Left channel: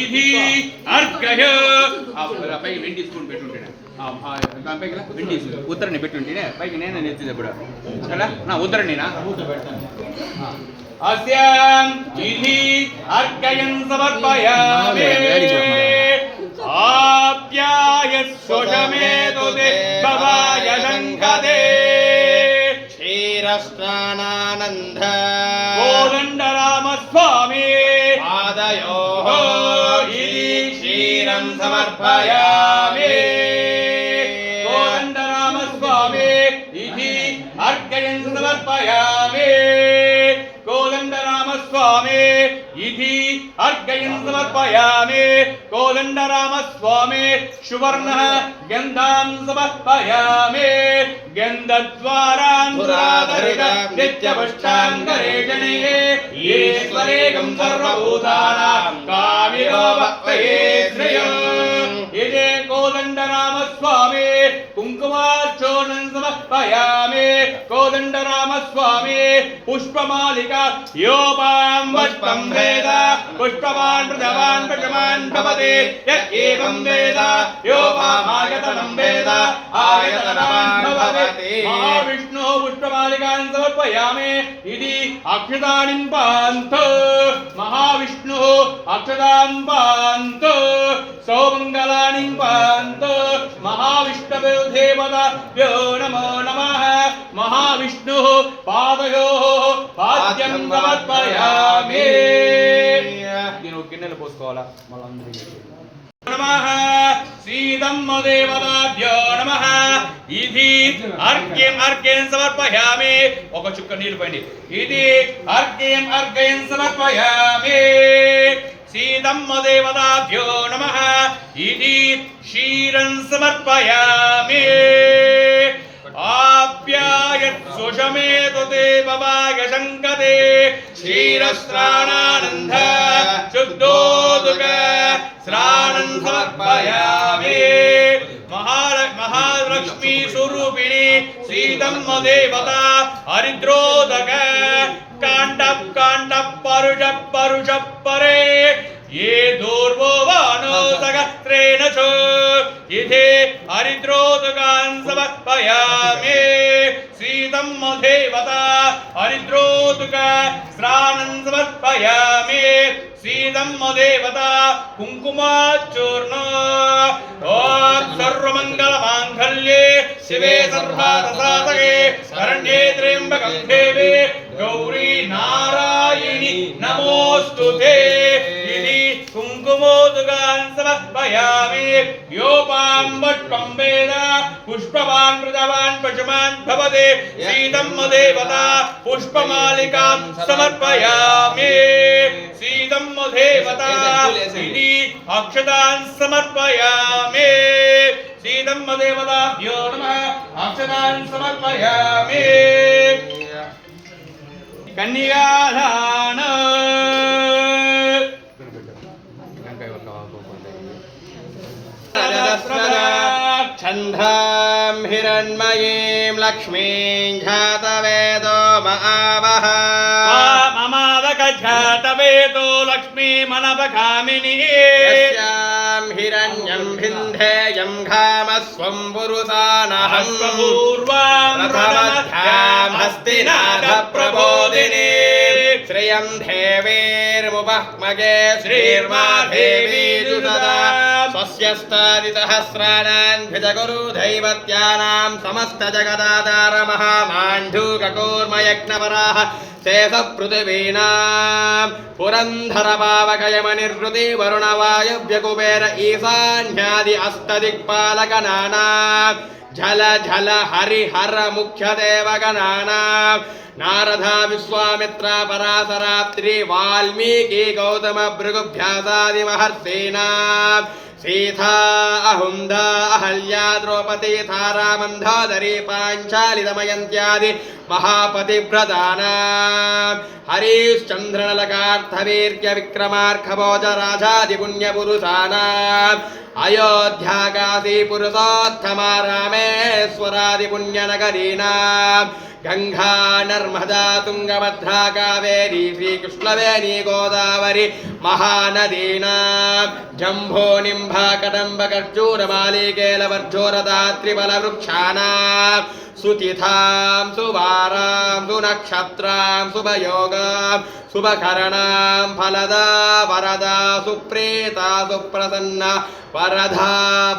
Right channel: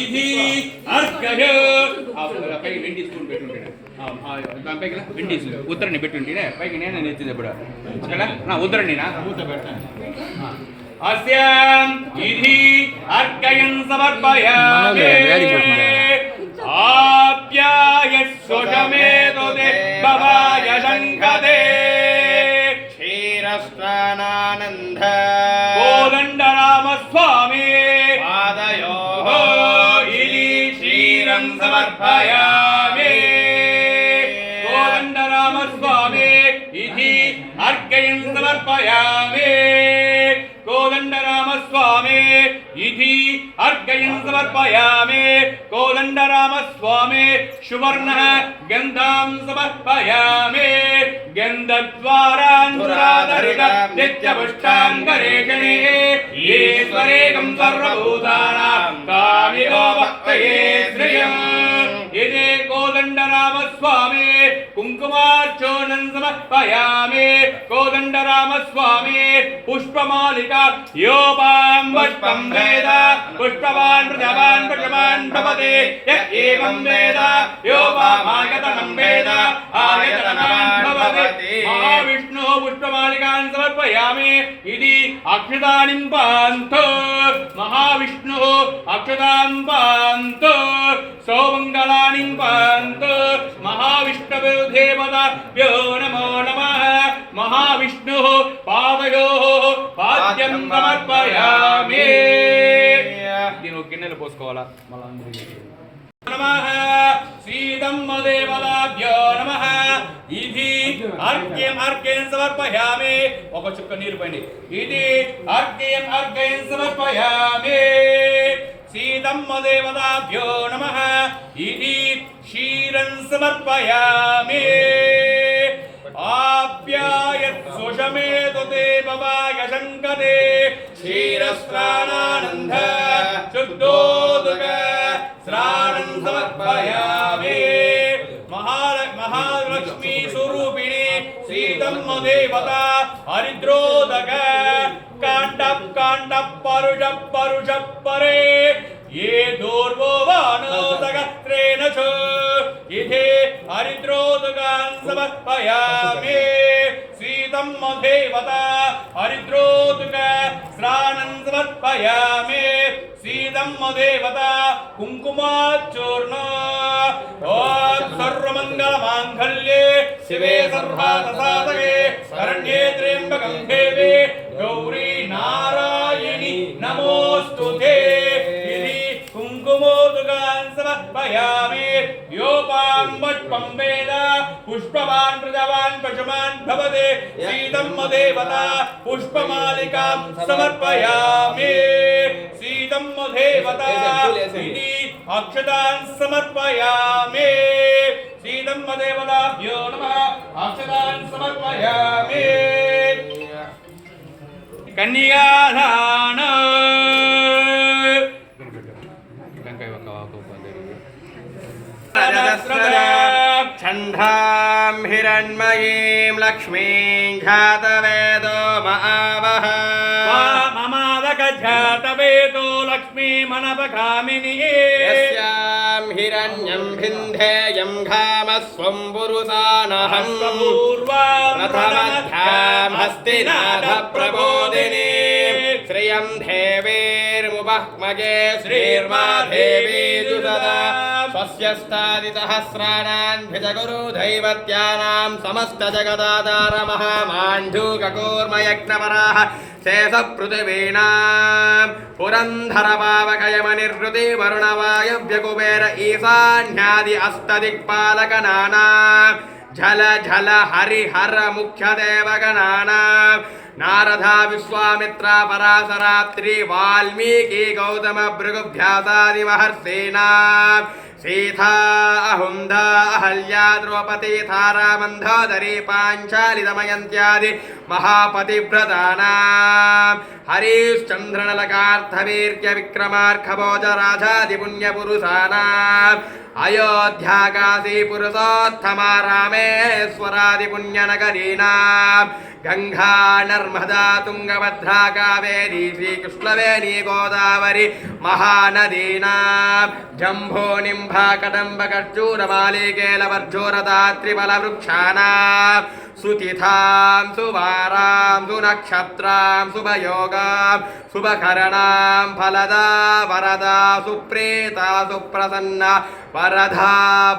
ఇది అర్ఘ్య పైకి వెండి స్పూన్ పెట్టుంటాను దానిపైకి వెండి ఉత్తరాన్ని పెట్టుంటే పైకి నేను ఎత్తిది ఇప్పుడు సరే నా ఉత్తరాన్ని నా మూత పెట్టాను అస్యాం ఇది అర్ఘ్యం సమర్పయామి ఆప్యాయస్వశమేతుతే భవాయ శంకదే క్షీరస్నానానంద కోదండరామస్వామి పాదయోః ఇది క్షీరం సమర్పయామి కోదండరామస్వామి ఇది అర్ఘ్యం సమర్పయామి కోదండరామస్వామి ఇది అర్ఘ్యం సమర్పయామి కోదండరామస్వామి సువర్ణ గంధాం సమర్పయామి గంధద్వారాంధరాధరిత నిత్యపుష్టాంగరేషణే ఈశ్వరేకం సర్వభూతానాం కామినో భక్తయే శ్రియం ఇదే కోదండరామస్వామి కుంకుమార్చోనం సమర్పయామి కోదండరామస్వామి పుష్పమాలిక యోపాం పుష్పం వేద పుష్పవాన్ ప్రజవాన్ పశుమాన్ భవతి ఏవం వేద యోపామాయతనం వేద ఆయతనం భవతి మహావిష్ణు పుష్పమాలికాన్ సమర్పయామి ఇది అక్షతానిం పాంతో మహావిష్ణు అక్షతాం పాంతో సౌమంగళాని పాంతో మహావిష్ణవే దేవతాభ్యో నమో నమః మహావిష్ణు పాదయోః పాద్యం సమర్పయామి దీని ఒక గిన్నెలు పోసుకోవాలా మళ్ళీ నమః శ్రీధమ్మ దేవతాభ్యో నమః ఇది అర్ఘ్యం సమర్పయామి ఒక చుక్క నీళ్ళు పోయండి ఇది అర్ఘ్యం సమర్పయామి శ్రీధమ్మ దేవతాభ్యో నమః ఇది క్షీరం సమర్పయామి ఆప్యాయస్వశమేతుతే భవాయ శంకదే క్షీరస్నానానంద శుద్ధోదక స్నానం సమర్పయామి మహాలక్ష్మీ స్వరూపిణి శ్రీధమ్మ దేవత హరిద్రోదక కాండ పరుష పరే ये दूर्वो वानो सगत्रेण च इथे हरिद्रोदकान् समर्पयामि श्रीधम्म देवता हरिद्रोदक स्नानं समर्पयामि श्रीधम्म देवता कुङ्कुमाचूर्ण ॐ सर्वमङ्गलमाङ्गल्ये शिवे सर्वार्थसाधके शरण्ये त्र्यम्बकं देवे गौरी नारायणि नमोऽस्तुते कुङ्कुमोदकान् समर्पयामि योपां पुष्पं वेद पुष्पवान् प्रजवान् पशुमान् भवते श्रीधम्म देवता पुष्पमालिकां समर्पयामि श्रीधम्म देवता इति अक्षतान् समर्पयामि श्रीधम्म देवताभ्यो नमः अक्षतान् समर्पयामि कन्यादान छन्दां हिरण्मयीं लक्ष्मीं जातवेदो महावः ममादकजातवेदो लक्ष्मीमनपगामिनी यस्यां हिरण्यं भिन्धेयं घामस्वं पुरुषानहं पूर्वां प्रथमध्यां हस्तिनाथप्रबोधिनी श्रियं देवीर्मुपह्मगे श्रीर्मा देवी सदा स्वस्यस्तादिसहस्राणां भिजगुरु दैवत्यानां समस्तजगदाधार महामाण्डूककूर्मयज्ञपराः शेषपृथिवीनां पुरन्धरपावकयमनिर्वृति वरुणवायव्यकुबेर ईशान्यादि अष्टदिक्पालकनानां झल झल हरिहर मुख्यदेवगणानां नारदा विश्वामित्रा पराशरात्रि वाल्मीकि गौतम भृगुभ्यासादि महर्षीणां सीता अहुंदा अहल्या द्रौपदी तारा मंदोदरी पांचाली दमयंत्यादि महापतिव्रतानां हरिश्चन्द्रनलकार्थवीर्य विक्रमार्कभोजराजादिपुण्यपुरुषाणाम् अयोध्याकाशी पुरुषोत्तमा रामेश्वरादिपुण्यनगरीणां गंगा नर्मदा तुंगभद्रा कावेरी श्रीकृष्णवेणी गोदावरी महानदीनां जम्भो निम्भा कदम्ब कर्जूर मालिकेलवर्जोरदात्रिफलवृक्षाणां सुतिथां सुवारां सुनक्षत्रां शुभयोगां शुभकरणां फलदा वरदा सुप्रीता सुप्रसन्ना वरदा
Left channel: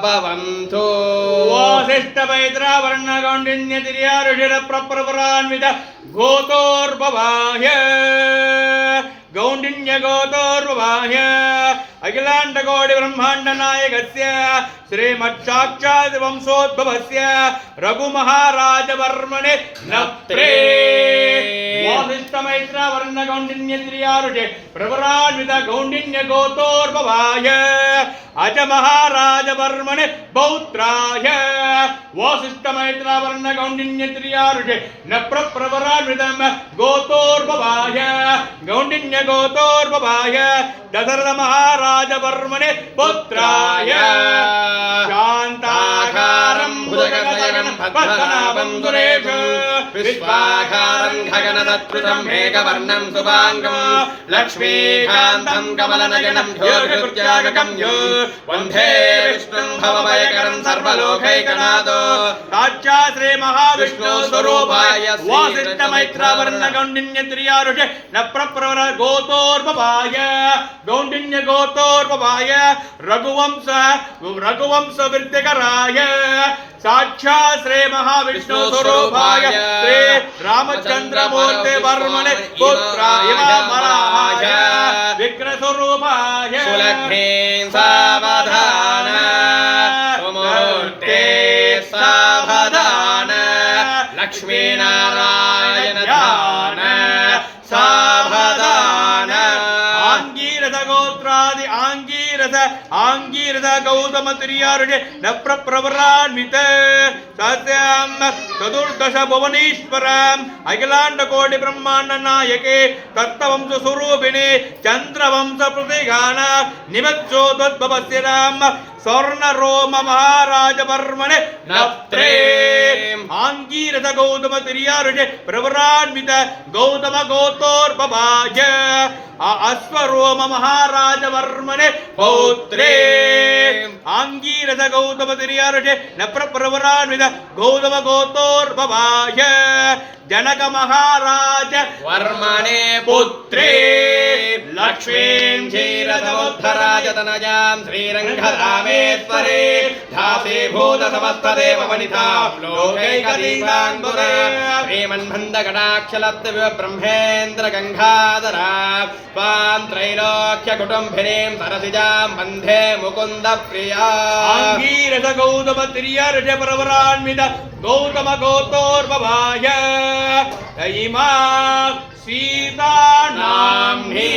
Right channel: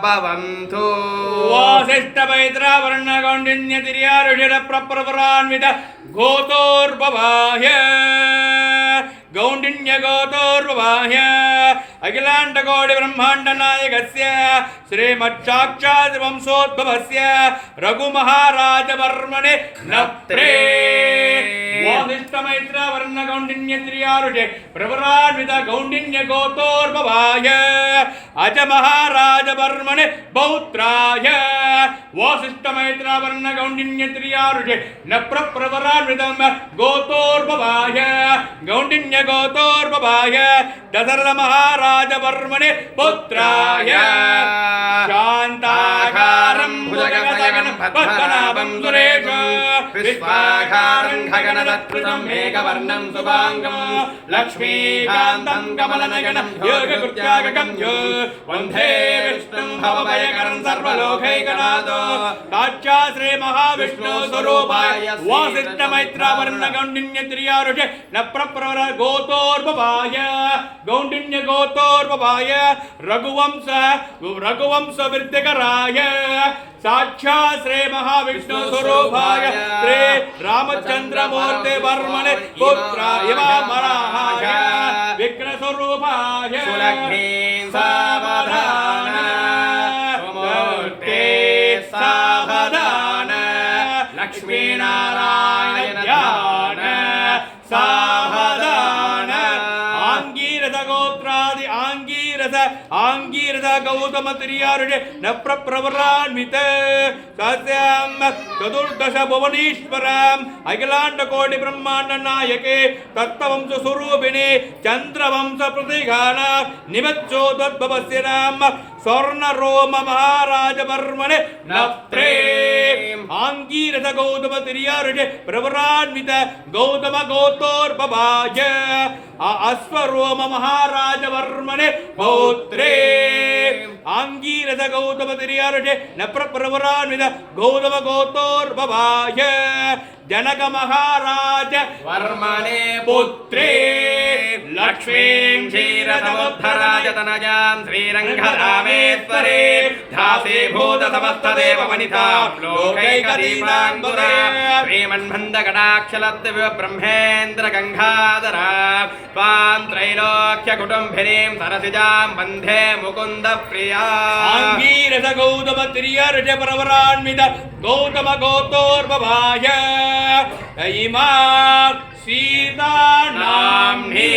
भवन्तु वासिष्ठमैत्रावर्णगौण्डिन्यतिर्यारुषिरप्रप्रवरान्वित गोतोर्भवाह्य गौण्डिन्य गोतोर्भवाह्य अखिलाण्डकोटि ब्रह्माण्ड नायकस्य श्रीमच्छाक्षात् वंशोद्भवस्य रघुमहाराजवर्मणे नप्त्रे वासिष्ठमैत्रावर्णगौण्डिन्यतिर्यारुषे प्रवरान्वित गौण्डिन्य गोतोर्भवाय अज महाराजवर्मणे पौत्राय वासिष्ठमैत्रावर्णगौण्डिन्यतिर्यारुषे न प्रवरान्वितं गोतोर्भवाय गौण्डिन्य गोतोर्भवाय दशरथ महाराजवर्मणे पुत्राय शान्ताकारं भुजगगन पद्मनाभं सुरेशं विश्वाकारं गगनसत्कृतं मेघवर्णं शुभाङ्गं लक्ष्मीकान्तं कमलनयनं योगकृत्यागकं यो वन्दे विष्णुं भवभयकरं सर्वलोकैकनाथो साक्षा श्री महाविष्णु स्वरूपाय वासिष्ठमैत्रावर्णगौण्डिन्यतिर्यारुषे न प्रप्रवर गोतोर्भवाय गौण्डिन्य गोतोर्भवाय रघुवंश वृद्धिकराय साक्षात् श्री महाविष्णु स्वरूपाय श्री रामचंद्रमूर्ति वर्मणे पुत्राय वराहाय विग्रह स्वरूपाय सुलक्ष्मी सावधान मूर्ते सावधान लक्ष्मी नारायण ध्यान सावधान आंगीरस गोत्रादि आंगीरस गौतम तिर्यारुषे न प्रवरान्वित सस्यां चतुर्दश भुवनेश्वराम् अखिलाण्डकोटि ब्रह्माण्ड नायके तत्त्ववंश स्वरूपिणे चन्द्रवंश प्रतिघाना निमज्जोद्भवस्य नाम स्वर्णरोम महाराजवर्मणे नप्त्रे आंगीरस गौतम तिर्यारुषे प्रवरान्वित गौतम गोतोर्भवाय अश्वरोम महाराजवर्मणे पौत्रे आंगीरस गौतम तिर्यारुषे न प्रवरान्वित गौतम गोतोर्भवाय जनक महाराज वर्मणे पुत्रे लक्ष्मीं क्षीरसमुद्धराज तनयां श्रीरङ्गरामेश्वरे दासीभूत समस्तदेववनितां लोकैकदीपाङ्कुरा श्रीमन्मन्दकटाक्षलब्धविव ब्रह्मेन्द्र गङ्गाधरा त्वां त्रैलोक्यकुटुम्बिनीं सरसिजां वन्दे मुकुन्दप्रिया आंगीरस गौतम तिर्यारुषे प्रवरान्वित गौतम गोतोर्भवाय इमा सीता नाम्नि